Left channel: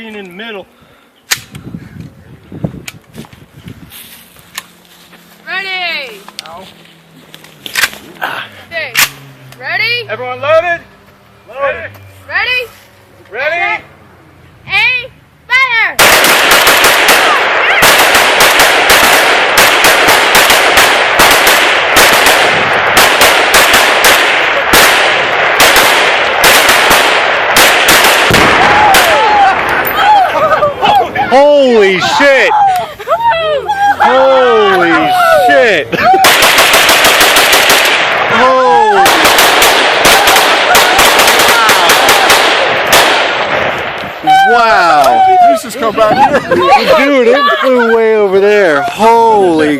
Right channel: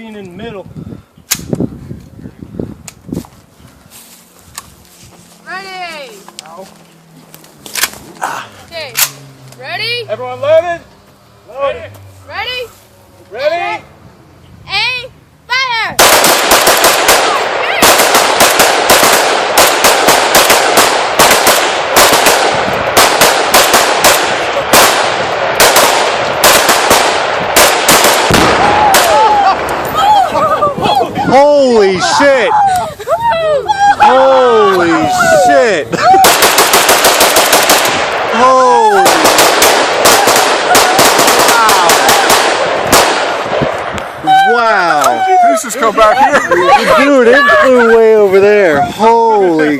being in the middle. Ready? Ow. Okay. Ready? Everyone loaded? Loaded. Ready? Ready? A fire! Holy shit! Holy shit! Holy! Wow! Wow! This has come back here. Dude, it flew way over there. Holy